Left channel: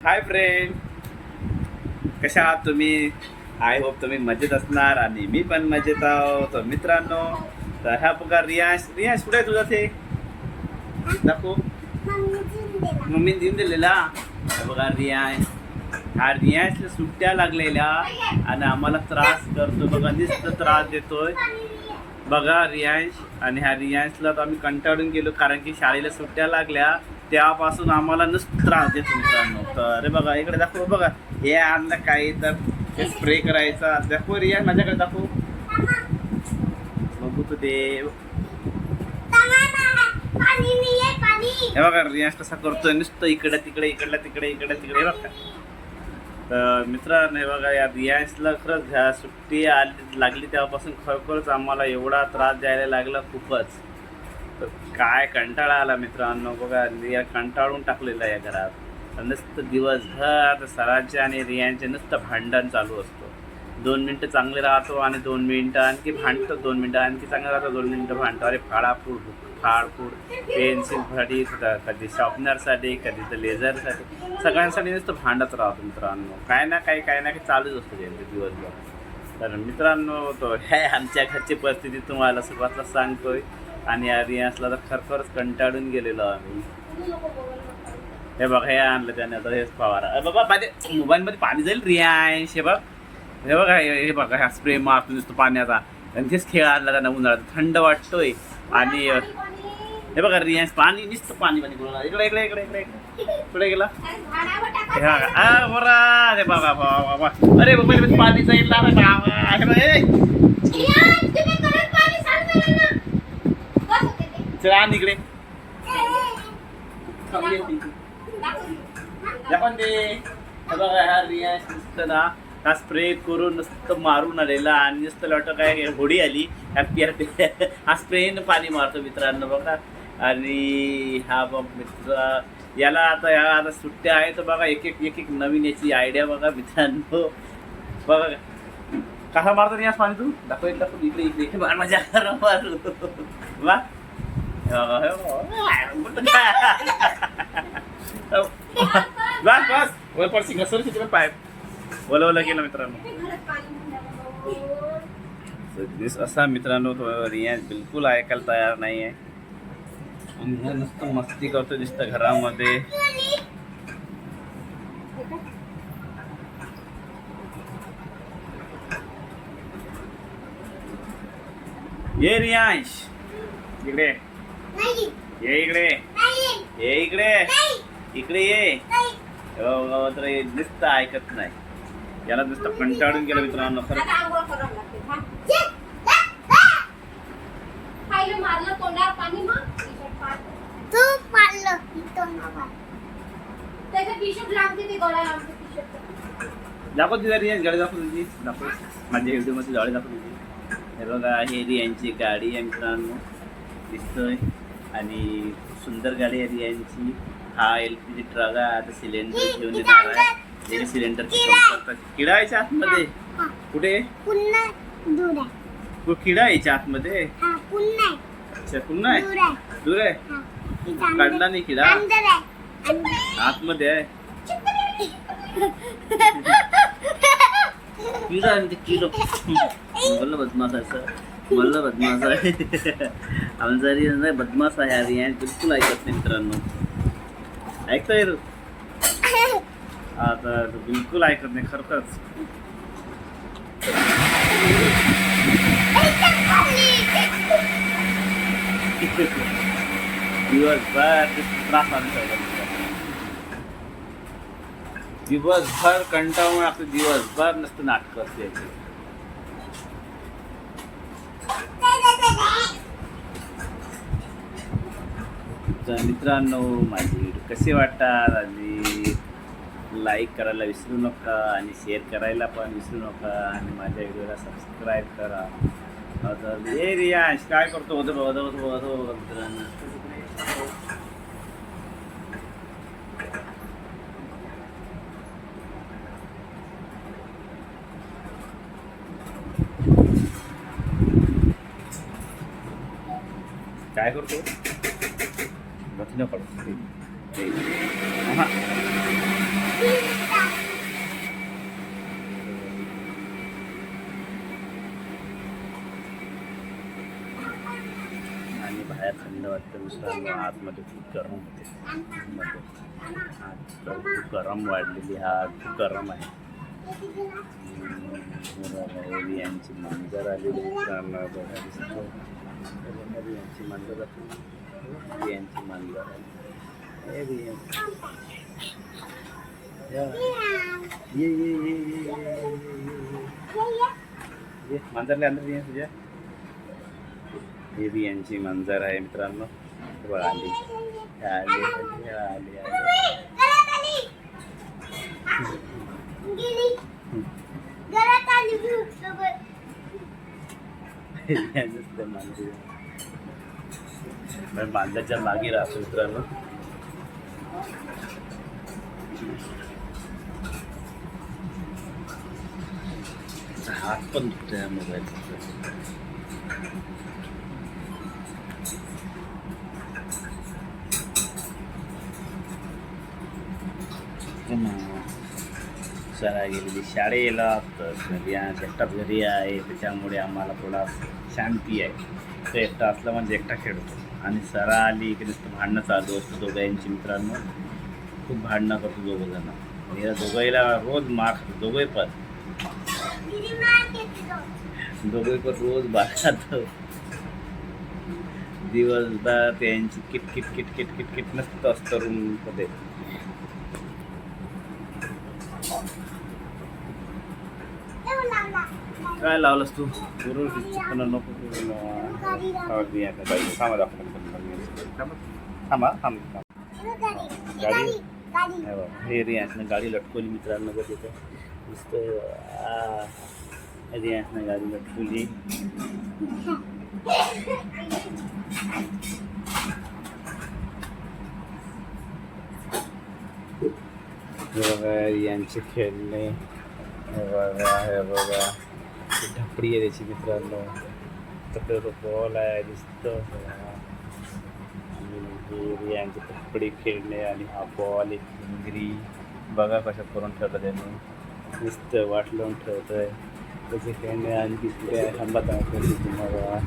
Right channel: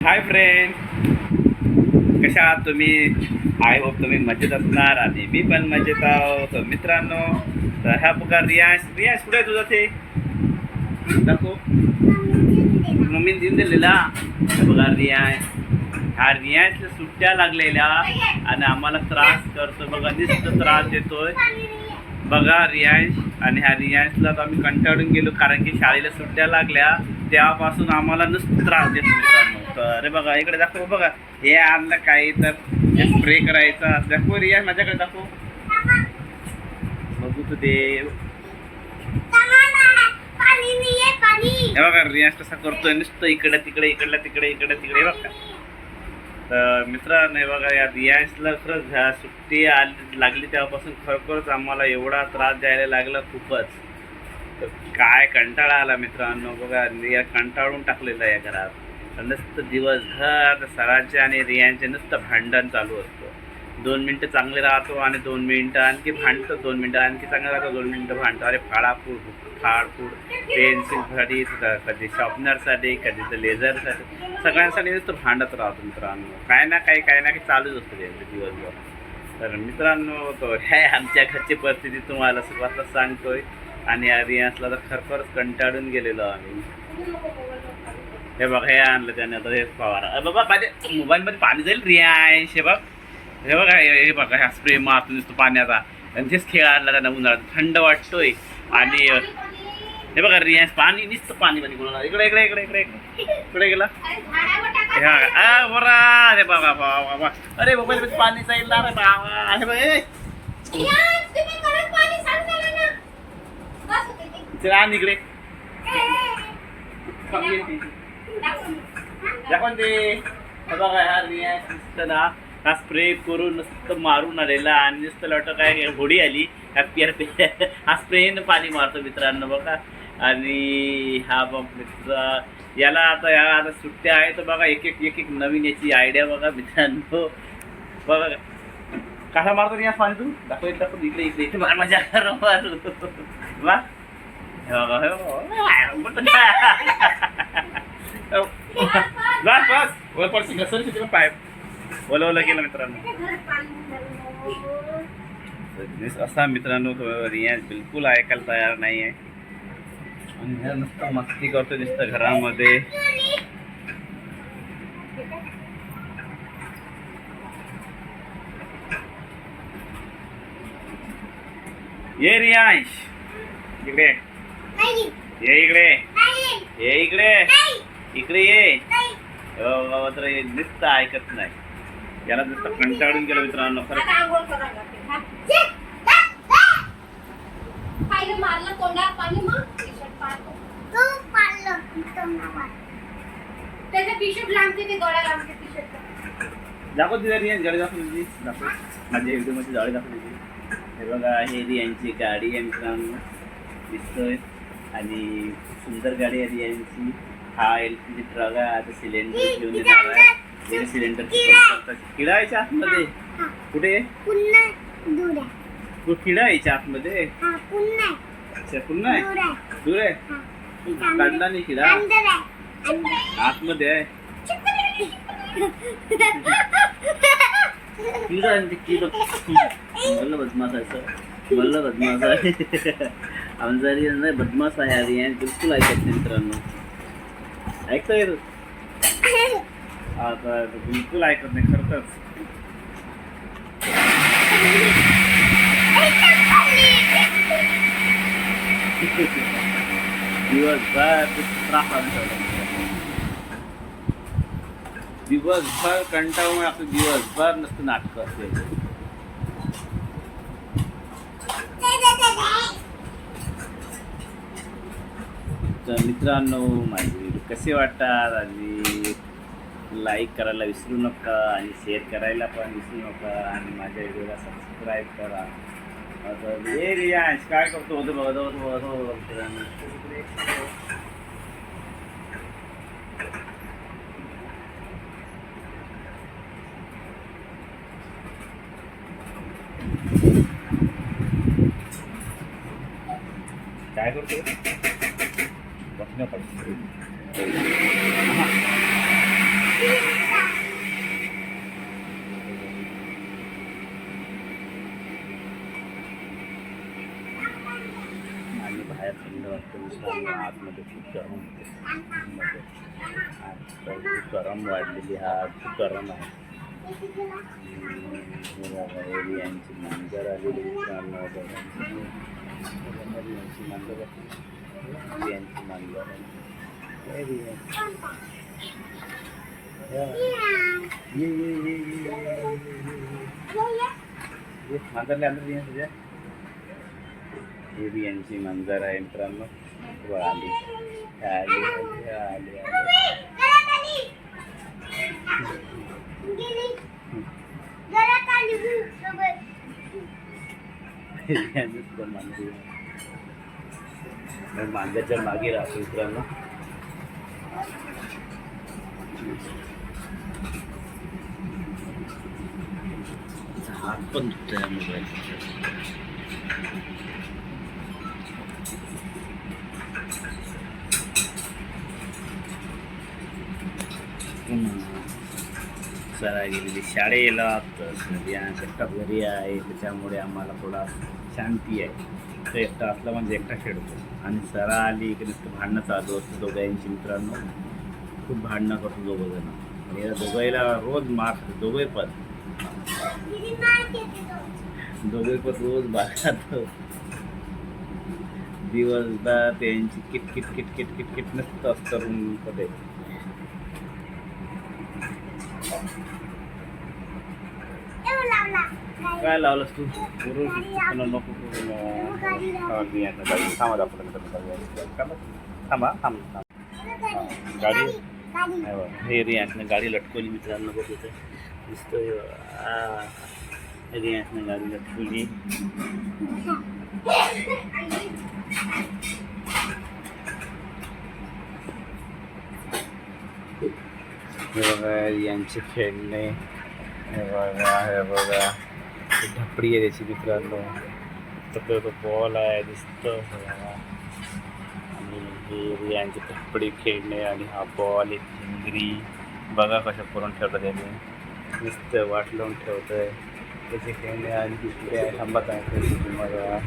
Hi friend, कशा आहात तुम्ही? आय होप तुम्ही मजेत असणार आणि मी पण मजेत आहोत. तर मित्रांनो, तर ह्या बघा रियांश कुठे आहे तुझा? ते दाखव. मम्मीने देऊन दिलेला. हे बघा रियांश, ह्या रियांशला सुट्ट्या लागलेल्या आणि आम्हाला त्रास करतो बघा, नुसतं त्रास देतोय बघा रियांश. आणि ह्या रियांशला तर आम्ही कंटाळून गेलो, कारण की शाळेला सुट्ट्या लागल्या त्यापासून आम्हाला नुसतं त्रास देतो मित्रांनो. तर अरे बघा इकडे दाखव बघा, हे आणलं काही तर हे स्प्रे करायचा. दाखव रिया, माझ्याकडे दाखव बघू तू ते. हे बघा रियाज कसा करतोय, नुसतं इकडे तिकडे इकडल्या तिकडे इकडे तिकडे बघा. तर मित्रांनो हे बघा, या रियाजला खरंच ह्या सुट्टी लागली तेव्हापासून खरोखरच आम्हाला एवढा त्रास द्यायला लागला खूपच. तर काय कंटाळा आला मित्रांनो. बघा रिया कंटाळून टाकलेला या घरात. नुसतं दिवसभर सरांचे आणि रियांचे नुसतं भांडण चालू असतो. 2 मिनटं चांगले राहतो आणि 2 मिनटं आणखी भांडतो, 2 मिनटं आणखी चांगलं राहतो, 2 मिनटं भांडतो. अरे फाडाफूड फाडफूड, पेन्सिल फडी, कधी शॉर्पनरसाठी, कधी तर लेझरसाठी, सगळ्यांसाठी नुसतं भांडत राहतो मित्रांनो. काय ना काही चालूच असतं त्यांचं दिवसभर. तर मित्रांनो, तो हे आमच्या घरची परिस्थिती तुम्हाला सुरुवातला सांगतोय. आणि या रियांसला तर खरखरच कंटाळून गेलेलो आम्ही. हे बघा हे आणलं त्याने, आता हेच फवारा. बाबा माझ्या मोबाईलमध्ये पाणी जाईल रियांश. हे बघा हे बघा, ह्या स्प्रे मारतो नुसतं पाण्याचा. आणि तेच खेळ आणला त्यांना उन्हाळ्यात, थंड वाटतोय. आणि हे बघा रियांश पाणी नुसतं पाणी बोलणार. इकडे इकडे इकडे इकडे इकडे कुठे गेला? हे बघा बरा. अरे बाबा बाबा, अरे मोबाईलमध्ये पाणी जाईल. हे बघा चला इकडे दाखवून दे. हे बघा ह्या रियांश नुसतं ना हा स्प्रे करून नुसतं मारून आलेला आणि नुसतं लॉटं काय होडी आली हा स्प्रेनं पाणी मारतो मित्रांनो बघा. आणि हा बघ मित्र याला आता सुट्ट्या आहे तर बघा एक एक नवीन याची आयडिया बघा मित्रांनो. बघा कसा मारतो रियांश पाणी, तू दाखव इकडे इकडे इकडे मार, माझ्या घरा मारू वा. बस बस वर पडशी घसर तिकडे पाईप ओला केलं मित्रांनो. असा मित्रांनो रियांश बिलकुल ऐकायला तयार नाही आहे आणि ह्या नुसतं मस्ती करतो नुसतं घरामध्ये. ये रियांश इकडे ये, इकडे ये, इकडे ये. तर नुसतं ऐकत नाही, याला नुसतं कंटाळून गेलं मित्रांनो खरं. दाखव तिथे रियांश गाडी, दाखव तुझी, दाखव माझ्या व्हिडिओमध्ये गाडी दाखव तुझी. हे बघा हे रियांची गाडी आहे मित्रांनो, दिसतोय. आणि खूप सुंदर गाडी आहे रियांची. हा LPG ट्रक आहे. आता सिलेंडर घेऊन येणार आहे. सिलेंडरची काम करतात. किडा यायच्या आतमध्ये कुठे? किडा यायच्या आतमध्ये. अच्छा पुन्हा आहे, दूर आहे, काढला नाही किडा, आतमध्ये आहे. किडा आहे किडो. बोललं बदमाश आहे, बोललं बदमाश आहे. आमचा रियांश बदमाश आहे. रियांश बिलकुल ऐकत नाही मित्रांनो. ऐकतोय आता बिलकुल ऐकत नाही खरंच. दिवसभर त्रास आणून ठेवला, दिवसभर कंटाळून लागतो, दिवसभर नसतं नाटकं असते. तर मित्रांनो माझे व्हिडिओ कसे वाटतात आणि लाईक करायला विसरू नका आणि शेअर करायला पण विसरू नका आणि माझ्या व्हिडिओला सबस्क्राईब करा. हे रियांश काय करतो होतं बघा मित्रांनो. काय करतो बसण्या पडतो. थंड वाटतं मित्रांनो. आतमध्ये खूप गरम होते. मध्ये आत खूप गरम वाढलेली, हा खूप गरम आहे. यांची मांजर आलेली मित्रांनो. यांची मांजर यांची मांजर ये मांजरले अंदर ये तुझ्या. हे बी यांची मांजर आहे मित्रांनो. आली आली आली मांजरच्या मागे राहतो मित्रांनो. हात पण दुखतोय मोबाईल. सरा गेलेली शाळेला, तर एकटाच घरी आहे, त्याच्यामुळे आम्हाला थोडा शांती आहे. तर एकटा असला म्हणजे एकटा खेळतो. आणि सरा आली की नुसतं भांडणं चालू असतं दोघांची मित्रांनो. खूप भांडणं करतो दोघं जण. या दोघाईला रोज मार खातो. दोघे पण रोज बाळगात. दिवसभर त्यांची किटकिट किटकिट किटकिट नसतं असतं रूम मध्ये. काय लावलंस तू? बरोबर नको थांबा दाखवलं. थांबा गाडी. हे रियांशनं गाडी लटकवली मित्रांनो. बघ इथं दिसतोय. रियांशनं गाडी लटकवली. हे बघा यांचे खेळणे. हे बघा ढपडी आहे त्याची मित्रांनो. तर तो बॉल आहे दिसतं. आणि हे यांची ढपडी खेळणे आणि हा बॉल एक भिंगरी. बघा कशा करून ठेवतं त्याने. नुसतं वाट लावून ठेवतं आहे त्याचे खेळणे. आणि तिकडे थांबत आहे तुम्हाला.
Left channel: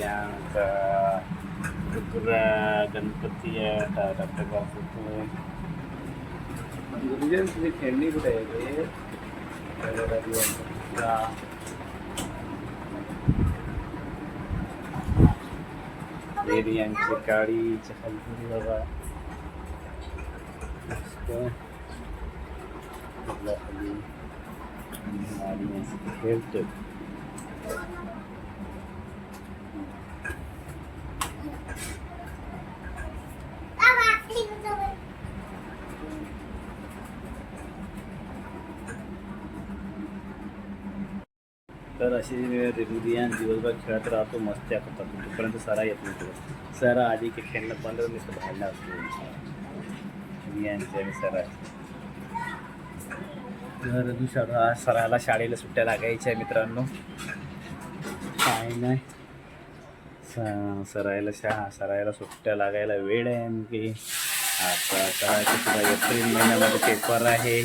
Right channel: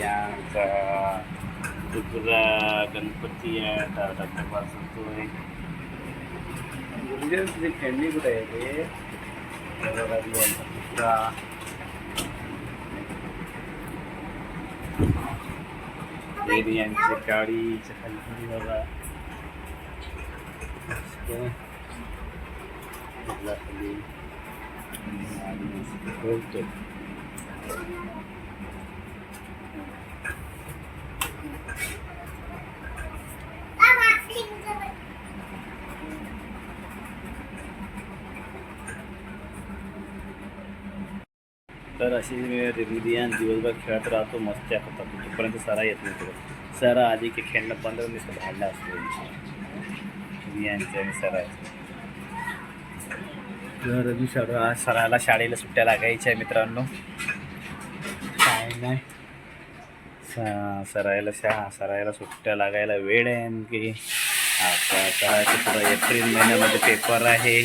यांचा दुसरा गणपती आहे. धबधबा सुटतोय. तुझी खेळणी कुठे आहे ते? यांची गाडी खाली बघा. खाली खेळतो. तर अशी रियान दिवसभर खेळत राहतो. मस्त्या करतात. तोपर्यंत सरा येत नाही. तुला सरा आधी की खेळणं बंद नुसतं भांडणं असतो रियांचे आणि सराचे. तर सराला शाळेला सुट्ट्या लागायच्या मित्रांनो. काय नाही सरायला सुट्ट्या लागायला वेळ आहे. आणखी आता करायचं पुढं एप्रिल महिन्यामध्ये पेपर आहे.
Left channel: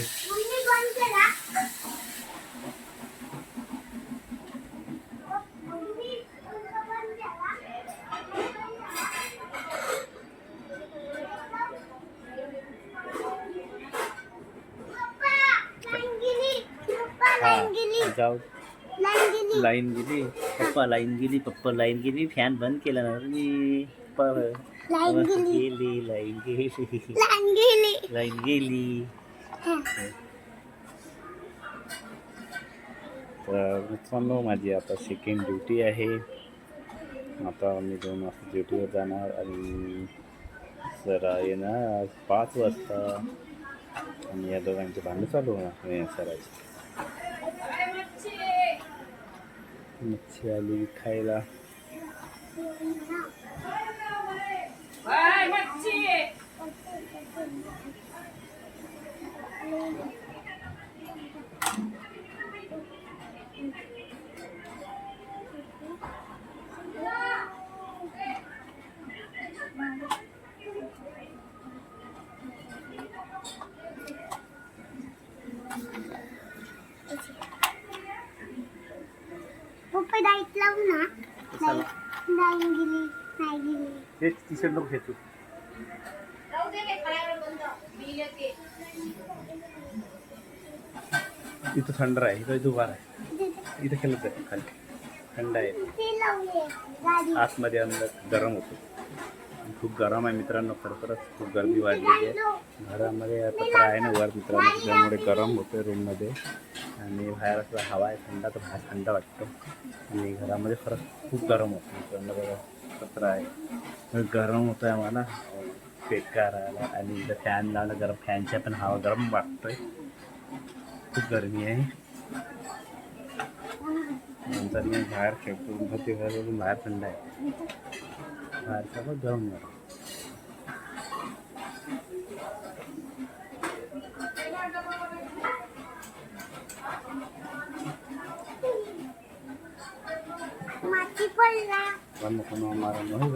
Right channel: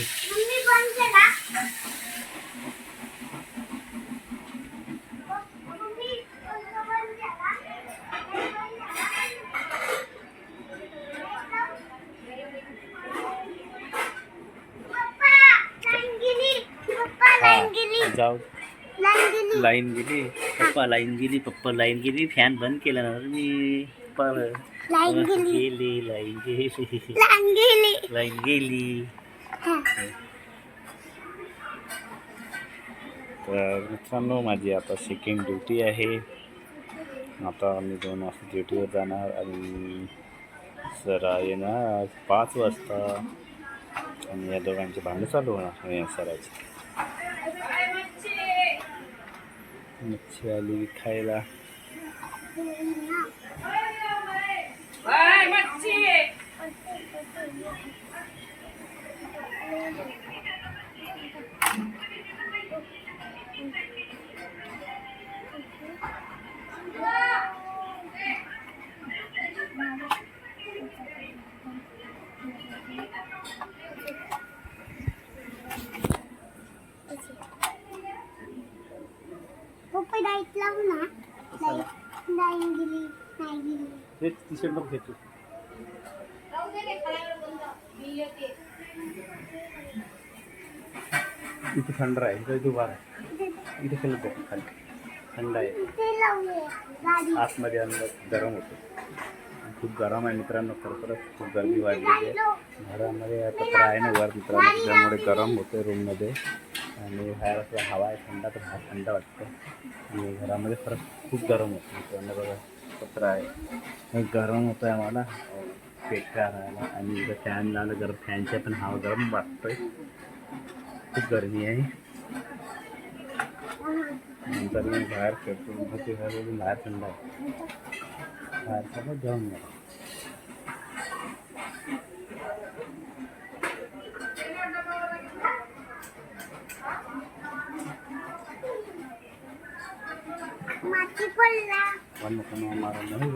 जाऊ लाईन गेली. पप्पा लाईन गेली. फॅन बंद केला ना मी. लाईन गेली. तर मित्रांनो माझी आता सेकंड ड्युटी आहे. आता मी 2 वाजता ड्युटीवर जाणार. आणि सरा येणार 5 वाजता. आणि या दोघांचे भांडण चालू होणार या सराची. मच्छी आली खायला. पप्पा लाईट लावू ना. लाईन गेली नाही गेली. ते टी शर्ट नको घेतो. इथं थंड आहे, इथं उभा आहे, इथं खेळत आहे खाली थंड आहे, आतमध्ये अंदर गरम होतं. खूप गरम आहे मित्रांनो, खरोखरच खूप गर्दी वाढलेली आहे. घरामध्ये पत्र आहे ना वर मित्रांनो, त्यामुळे गरम होतं रूममध्ये आणि बाहेर असं हवा आहे थंड, तर बाहेर थंड वाटतं आणि घरामध्ये खरंच खूप गरम होतं मित्रांनो. बघा पत्र आहे, गरम होतं आहे आम्हाला पेटका राहायला आणि इथं फॅन लावलं गरम, फॅनच्या पण हवा गरम वाटतोय, खूप गरमी आहे. नंतर मी बाहेर खेळतो, बाहेर थंड आहे, बाहेर सगळं गरम झालं. पण नको ना मारा नाही